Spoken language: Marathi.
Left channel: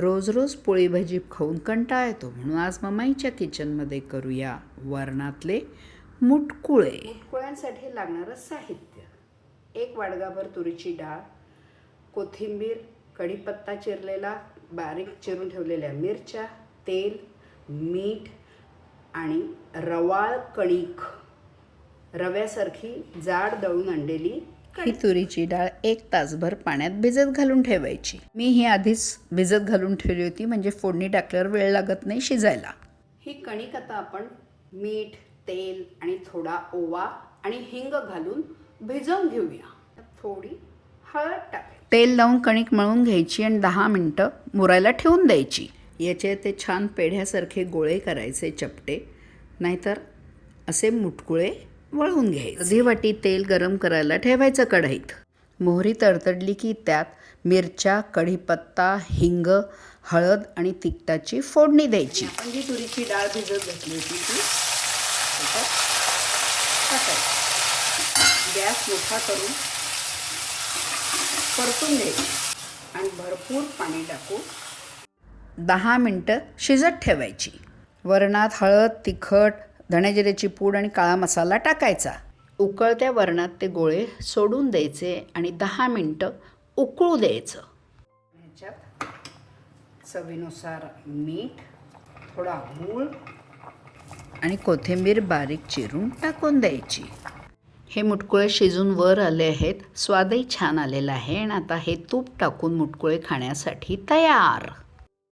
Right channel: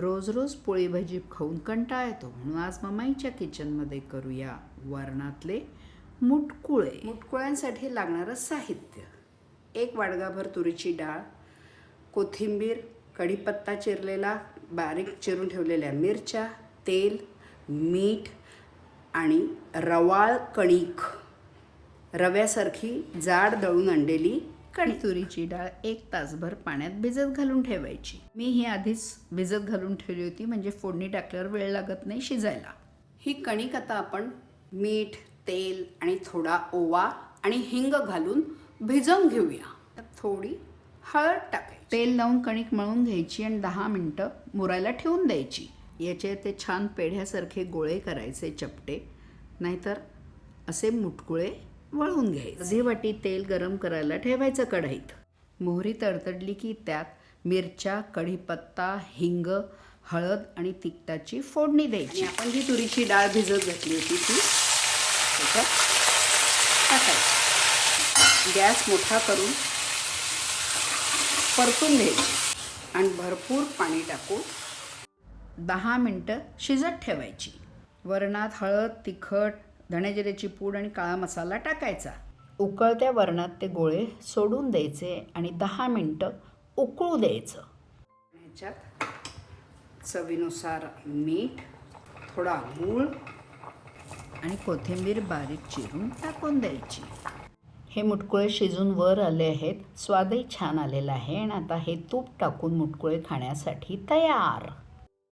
रोज रोज पोळी भाजी खाऊन कंटाळा येतो. म्हणून आज ममाईच्या किचनमध्ये करूया वरणातले मुटकुळे. मुटकुळ्यांसाठी लागणारं साहित्य. एक वाडगाभर तुरीची डाळ कोथिंबीर कढीपत्ता चिरलेला बारीक चिरून ठेवलेल्या मिरच्या तेल मीठ आणि रवाळ कणिक. रव्यासारखी जाड दळून आणलेली कणी तुरीची डाळ एक तासभर पाण्यात भिजत घालून ठेवायची. मी ही आधीच भिजत घालून ठेवली होती म्हणजे फोडणी टाकल्यावर वेळ लागत नाही शिजायला. ही कणिक आता आपण मीठ तेल आणि थोडा ओवा आणि हिंग घालून भिजवून घेऊया. थोडी हळद टाकायची. तेल लावून कणिक मळून घ्यायची आणि दहा मिनटं मुरायला ठेवून द्यायची. याचे ते छान पेढ्यासारखे गोळे करायचे चपटे नाहीतर असे मुटकुळे वळवून घ्यायचे. अर्धी वाटी तेल गरम करायला ठेवायचं कढईत. मोहरी तडतडली की त्यात मिरच्या कढीपत्ता हिंग हळद आणि तिखटाची फोडणी द्यायची. आपण जी तुरीची डाळ भिजत घातली होती ती. त्याच्यात गॅस मोठा करून परतून घ्यायची. आणि भरपूर पाणी टाकून दहा मिनटं शिजत ठेवायची. वरणात हळद तिखट धण्याजिऱ्याची पूड आणि काळा मसाला टाकायचा. उकळत्या वरणात ते गोळे सोडून द्यायचे आणि दहा मिनटं उकळू द्यायचं. ह्याच्यात चवीनुसार मीठ थोडा गूळ आणि कोथिंबीर बारीक चिरून टाकून द्यायची. हे मुटकुळे शिजून वर आले आहेत. स्वादही छान आलेला आहे आणि आता हे तूप टाकून मुटकुळे खाण्यासाठी तयार.